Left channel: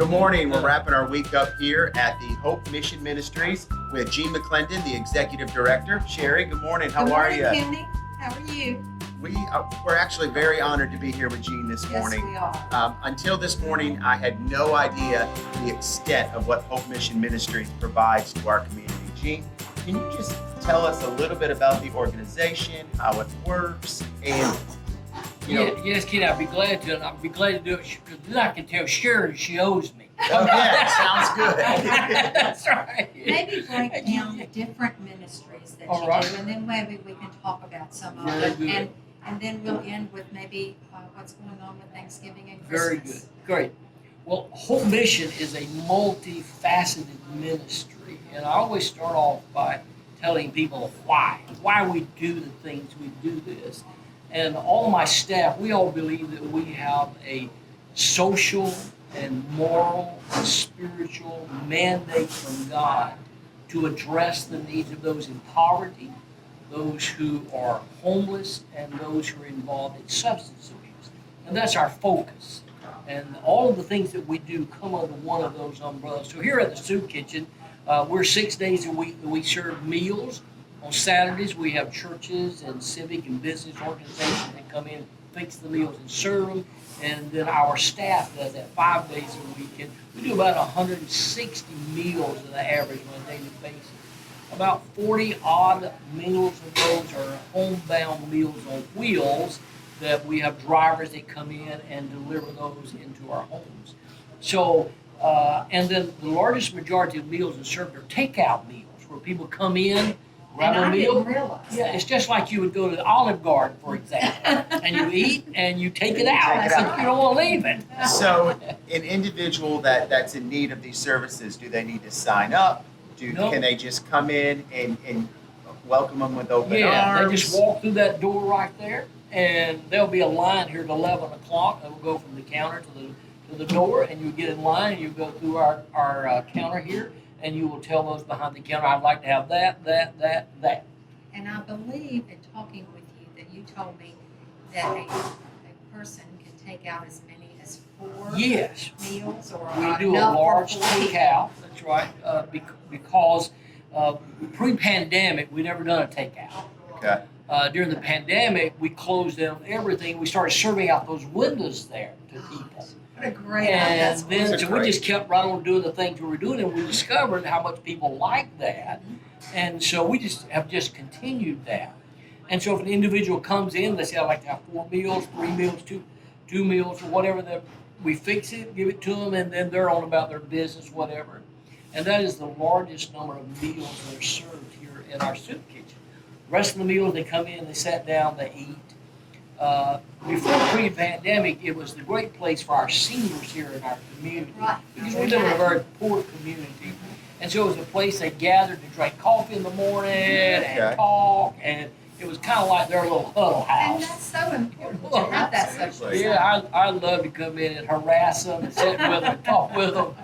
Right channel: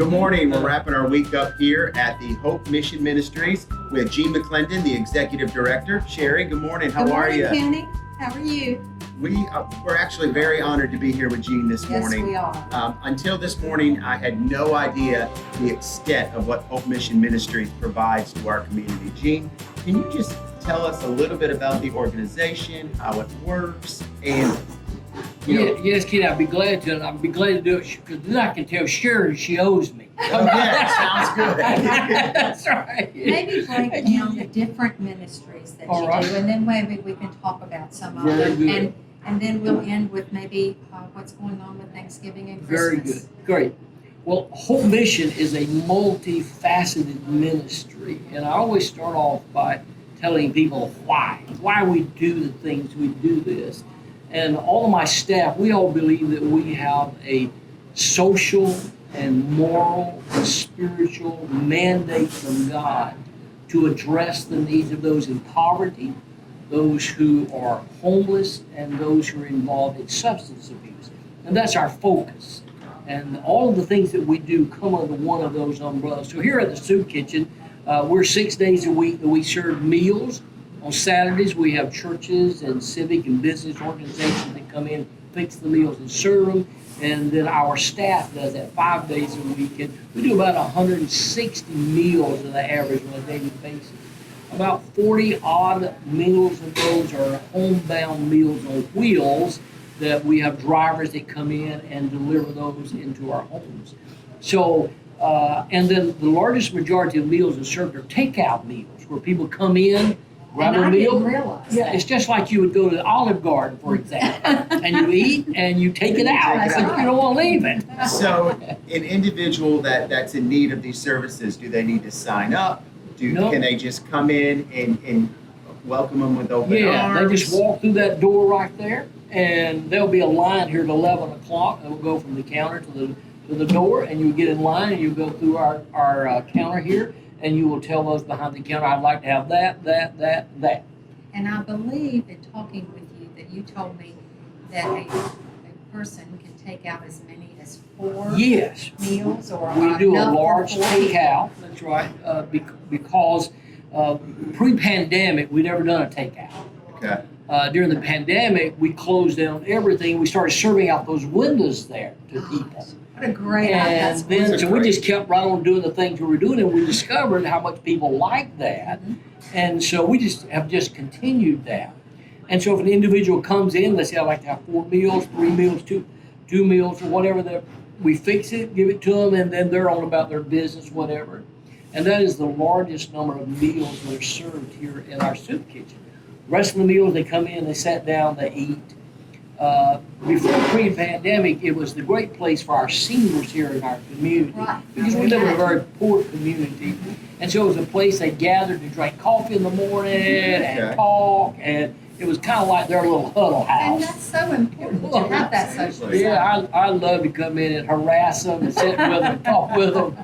Good morning. We're wrapping our week up here at the Hope Mission Ministries with Gene McLendon, the Executive Director. Sherry, good morning. How are you? Good morning, Kenny. How are you? We're actually very honored to be here with Gene this morning. Yes, we are. Until this morning, I had no idea the extent of what Hope Mission Ministries provides to our community. Gene, can you just tell us a little bit about the organization, how it works, and Yes, Kenny, I'd be glad to, and I'd be glad to do it because then I can tell Sherry she owes me. Sounds good. That's right. Maybe break down the different ministries that All you right. do, and then maybe we can talk about some of Very them. good. And then we'll end with maybe what's going on with Thanksgiving and Very Christmas. good. Great. Well, Hope Mission is a multifaceted ministry, and I always start off by telling people why we do the things we do this. And all of my staff, we all believe that we have a social and moral and spiritual mandate from God to address the needs of those in poverty, those who are homeless, and those who are involved in substance abuse. And that's our focus. And all of the things that we do come under one of those umbrellas. So here at the Soup Kitchen, we're 6 days a week that we serve meals. On Saturdays, we have churches and civic and business organizations that come in, fix the meals and serve them. And then our staff does that 5 days a week. And we do about 160 meals on the average on a daily basis. About 40 odd meals of those are homebound meals on wheels that we have drivers that come in and deliver those into our homes. So, and then the largest majority of meals are served are takeout meals where people come in, grab And a I meal. didn't realize Yeah, that. it's just like you would go to the Olive Garden, for example, and you eat and you take it out That's because right. you don't want to leave it. So, an individual that's in need of these services, do they need to sign up? No. Can they just come in and welcome them with open Yeah, arms? they just walk through that door right there, and there'll be a line here at 11 o'clock. And we'll go from the counter to the door, and you get in line, and you go through our counter here, and you will tell those behind the counter, I'd like to have that. And I believe in talking with you that you told me that a person can take out as many as 4 Yes, meals or we do a enough for large 4 takeout. That's right, because pre-pandemic, we'd never done a takeout. Okay. During the pandemic, we closed down everything. We started serving out those windows there to people. What a great And idea. then, so we just kept right on doing the things we were doing, and we discovered how much people liked that. And so we just continued that. And so if an individual comes in, they say, I'd like to have 4 meals, 3 meals, two meals, or whatever, that we fix it, give it to them, and then they're on about their business, whatever. And that is the largest number of meals that are served here in our soup kitchen. The rest of the meals, they come in, they sat down, they eat. Before pre-pandemic, it was the great place for our seniors here in our community, Right. because we live in a very poor community. And so it was a place they gathered to drink coffee in the morning and Okay. talk, and it was kind of like their little huddle And house. that's so important to have that social Yeah, I love to come in and harass them and sit with them and talk with them.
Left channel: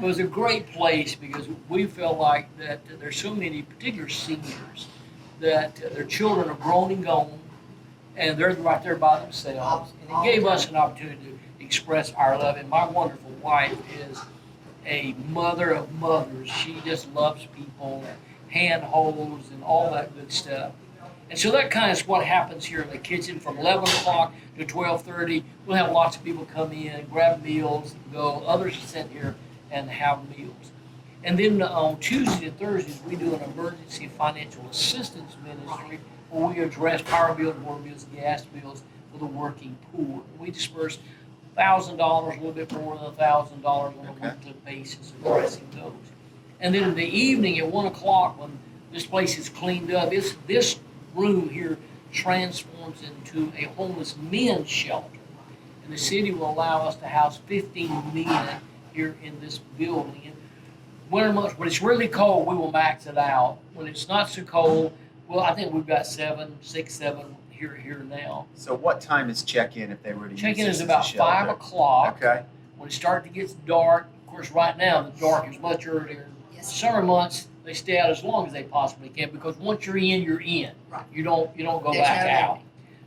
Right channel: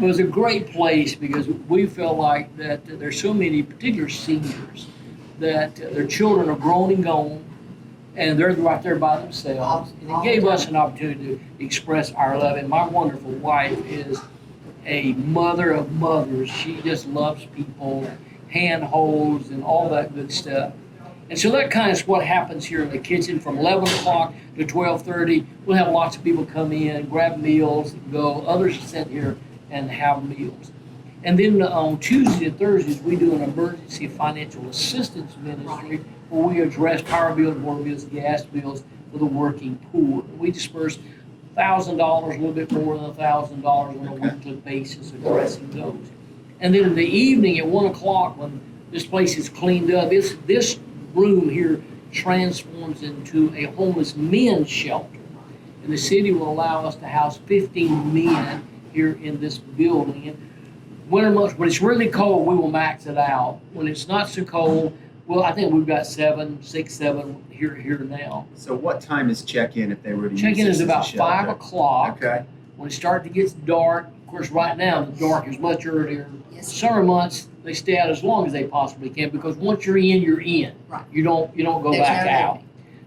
It was a great place because we feel like that there's so many, particular seniors, that their children are grown and gone, and they're right there by themselves. And it gave us an opportunity to express our love. And my wonderful wife is a mother of mothers. She just loves people, hand holds, and all that good stuff. And so that kind of is what happens here in the kitchen from 11 o'clock to 12:30. We'll have lots of people come in, grab meals, go. Others sit here and have meals. And then on Tuesdays and Thursdays, we do an emergency financial assistance ministry where we address power bills, water bills, gas bills for the working poor. We disperse $1,000, a little bit more than $1,000 on a weekly basis addressing those. And then in the evening at 1 o'clock, when this place is cleaned up, this room here transforms into a homeless men's shelter. And the city will allow us to house 15 men here in this building. And winter months, when it's really cold, we will max it out. When it's not so cold, well, I think we've got 7 here now. So what time is check-in if they were to use Check-in this is as a about shelter? 5 o'clock. Okay. When it starts to get dark, of course, right now the dark is much earlier. Yes. Summer months, they stay out as long as they possibly can because once you're in, you're in. Right. You don't go There's back no out.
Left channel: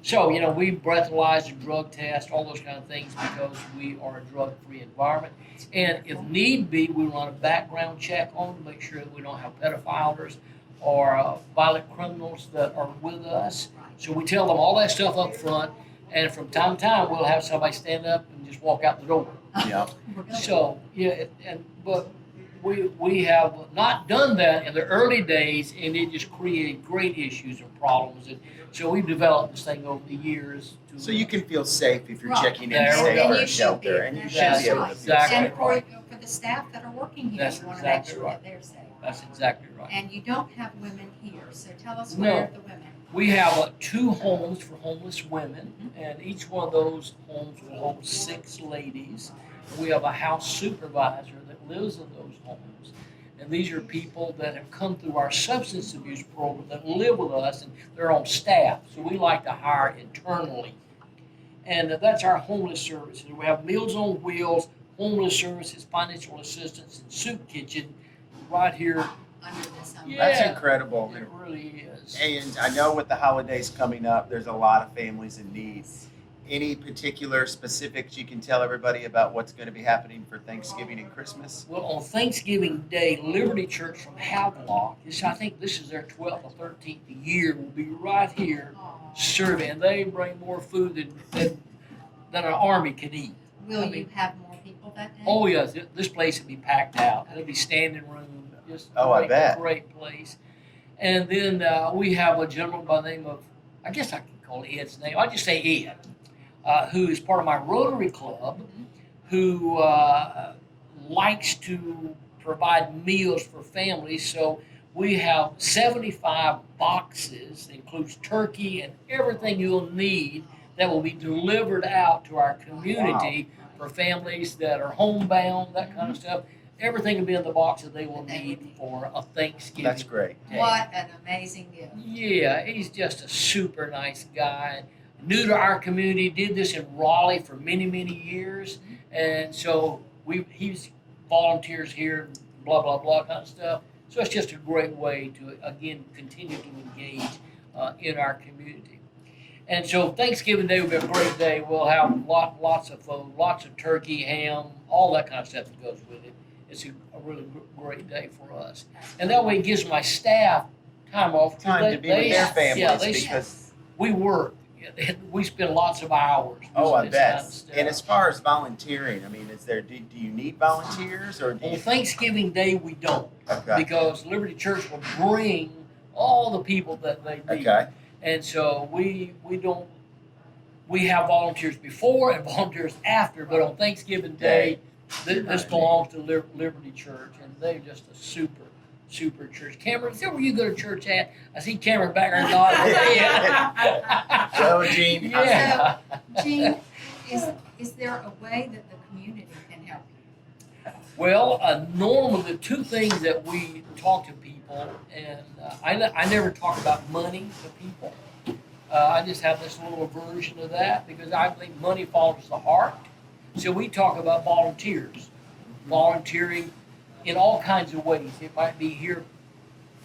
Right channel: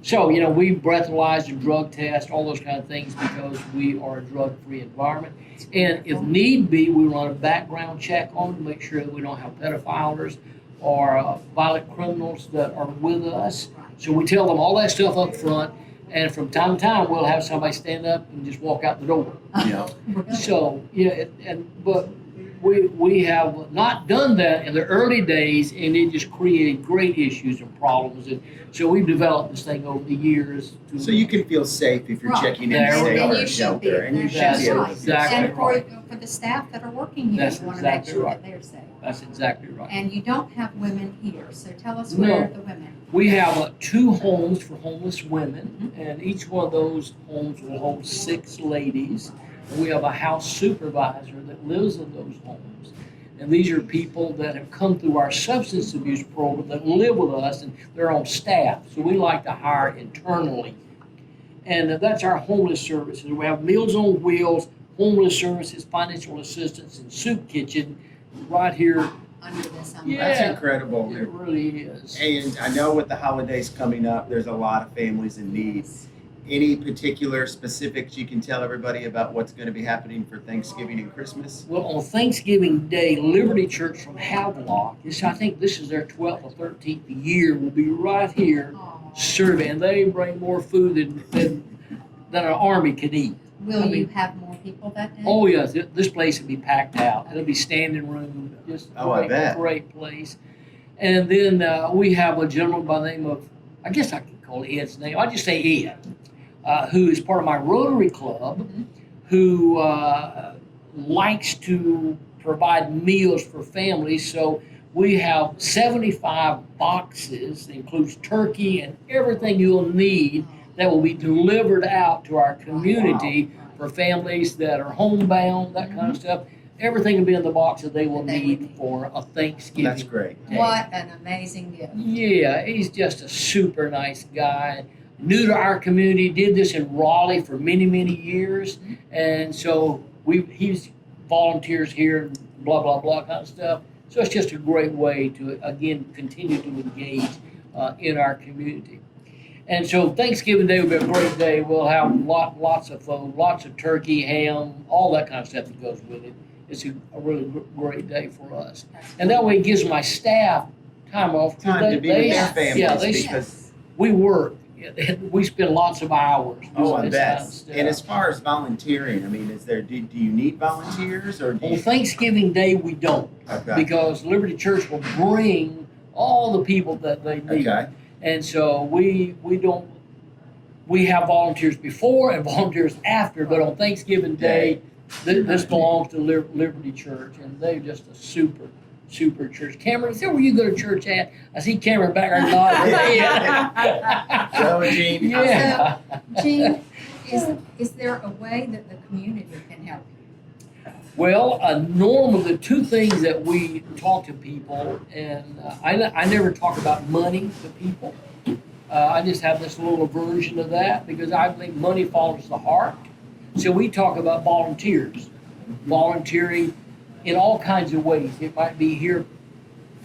So, we breathalyze and drug test, all those kind of things because we are a drug-free environment. And if need be, we run a background check on them to make sure that we don't have pedophiles or violent criminals that are with us. So we tell them all that stuff up front, and from time to time, we'll have somebody stand up and just walk out the door. So, but we have not done that in the early days, and it just created great issues and problems. And so we've developed this thing over the years. So you can feel safe if you're Right. checking in There to we stay go. out And of you should be. shelter, and you should That's be able to feel exactly safe. And right. for the staff that are working here, That's you want to make exactly sure right. that they're safe. That's exactly right. And you don't have women here, so tell us No. where are the women? We have 2 homes for homeless women, and each one of those homes will hold 6 ladies. And we have a house supervisor that lives in those homes. And these are people that have come through our substance abuse program that live with us, and they're on staff. So we like to hire internally. And that's our homeless services. We have Meals on Wheels, homeless services, financial assistance, and soup kitchen right here. Under this umbrella? Yeah. That's incredible. It really is. And I know with the holidays coming up, there's a lot of families in need. Any particular specifics you can tell everybody about what's going to be happening for Thanksgiving and Christmas? Well, on Thanksgiving Day, Liberty Church from Havelock, I think this is their 12th or 13th year, will be right here Aw. serving. And they bring more food than an army can eat. Will I mean- you have more people that day? Oh, yes, this place will be packed out. It'll be standing room, just Oh, I bet. great place. And then we have a gentleman by the name of, I guess I can call Ed's name, I'll just say Ed, who is part of my Rotary Club, Mhm. who likes to provide meals for families. So we have 75 boxes, includes turkey and everything you'll need that will be delivered out to our community for families that are homebound, that kind of stuff. Everything will be in the box that they will need for a Thanksgiving That's great. day. What an amazing gift. Yeah, he's just a super nice guy. New to our community, did this in Raleigh for many, many years. And so he's volunteers here and blah, blah, blah kind of stuff. So it's just a great way to, again, continue to engage in our community. And so Thanksgiving Day will be a great day. We'll have lots of food, lots of turkey, ham, all that kind of stuff that goes with it. It's a really great day for us. And that way it gives my staff time off. 'Cause Time to be with your families. yeah, because- we work. We spend lots of hours doing Oh, I this bet. kind of stuff. And as far as volunteering, I mean, do you need volunteers or do On you? Thanksgiving Day, we don't, Okay. because Liberty Church will bring all the people that they need. Okay. And so we don't, we have volunteers before and volunteers after, but on Thanksgiving Day, this belongs to Liberty Church, and they're just a super church. Cameron, is that where you go to church at? I see Cameron back there nodding his head. So, Gene, Yeah. Gene, is there a way that the community can help you? Well, normally the 2 things that we talk to people, and I never talk about money to people. I just have this little aversion of that because I think money follows the heart. So we talk about volunteers, volunteering in all kinds of ways. It might be here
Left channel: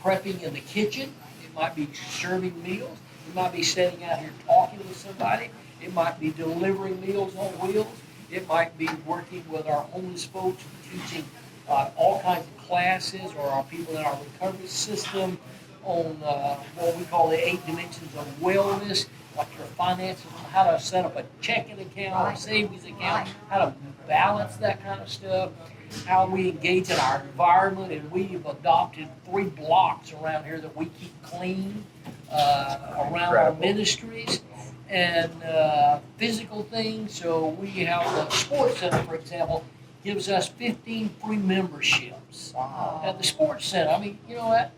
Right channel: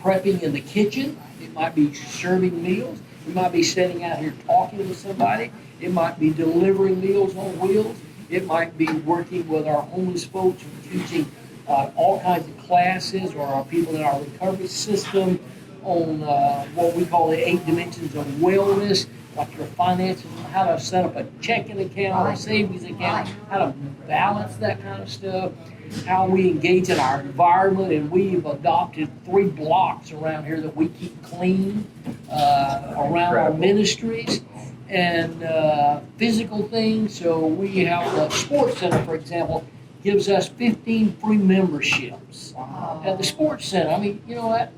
prepping in the kitchen. It might be serving meals. It might be sitting out here talking with somebody. It might be delivering Meals on Wheels. It might be working with our homeless folks and teaching all kinds of classes, or our people in our recovery system on what we call the 8 dimensions of wellness, like your finances, how to set up a checking account or savings account, how to balance that kind of stuff, how we engage in our environment. And we've adopted 3 blocks around here that we keep clean around our ministries, and physical things. So we have the sports center, for example, gives us 15 free memberships at the sports center. I mean, you know what?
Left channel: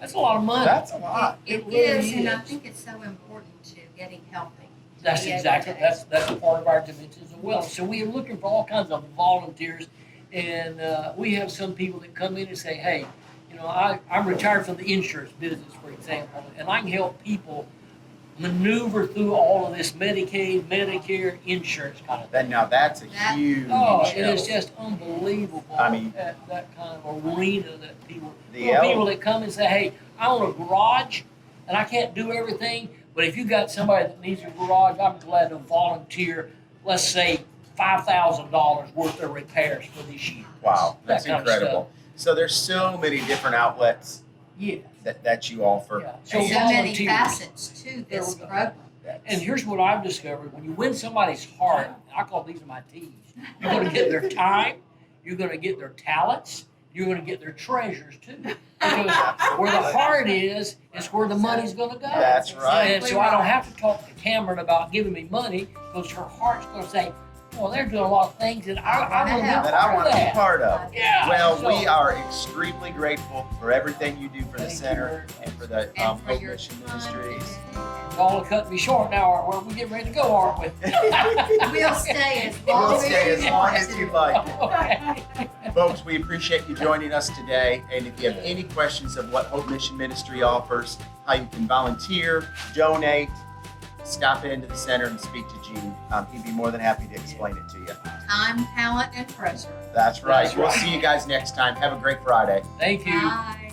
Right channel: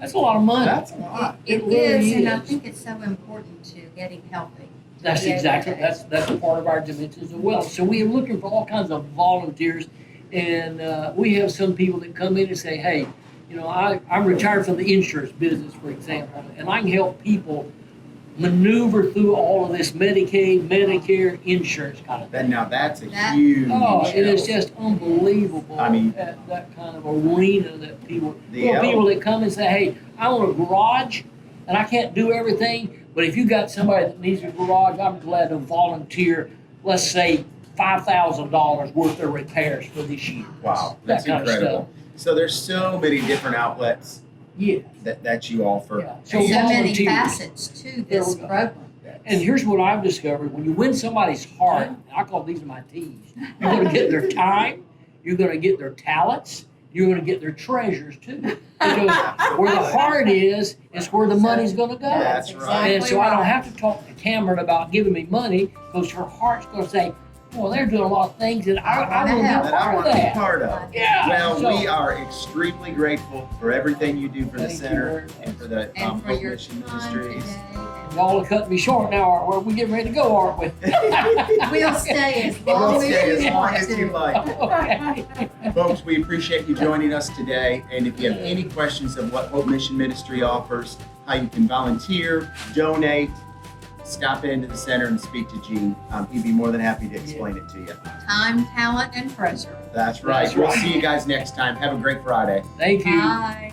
That's a lot of money. That's a lot. It really is, and I is. think it's so important to getting healthy. That's Yeah, exactly, yeah. that's part of our dimensions of wealth. So we are looking for all kinds of volunteers, and we have some people that come in and say, hey, you know, I'm retired from the insurance business, for example, and I can help people maneuver through all of this Medicaid, Medicare, insurance kind of thing. Now that's a That- huge. Oh, it is help. just unbelievable I mean- at that kind of arena that people, The people help. that come and say, hey, I own a garage and I can't do everything, But if you got somebody that needs a garage, I'm glad to volunteer, let's say $5,000 worth of repairs for this year. Wow, That that's kind of incredible. So there's so many different outlets Yeah. that you offer. Yeah. So So many volunteers. facets to There this we go. program. And here's what I've discovered: when you win somebody's heart, I call these my T's. You're going to get their time, you're going to get their talents, you're going to get their treasures too. Because where the heart is where the money's going to go. That's right. And so I don't have to talk to Cameron about giving me money because her heart's going to say, "Well, they're doing a lot of things that I want to be a That I part want of to be that." part of. Yeah. Well, so, we are extremely grateful for everything you do for the Thank you center very much. and for the And for Hope your Mission time Ministries. today. Y'all are cutting me short now, aren't we? We're getting ready to go, aren't we? We'll stay as We'll long stay as as you long want as you to. like. Okay. Folks, we appreciate you joining us today. And if you have any questions of what Hope Mission Ministry offers, how you can volunteer, donate, stop into the center and speak to Gene. He'd be more than happy to explain it to you. Time, talent, and treasure. That's right. That's We'll right. see you guys next time. Have a great Friday. Thank you. Bye.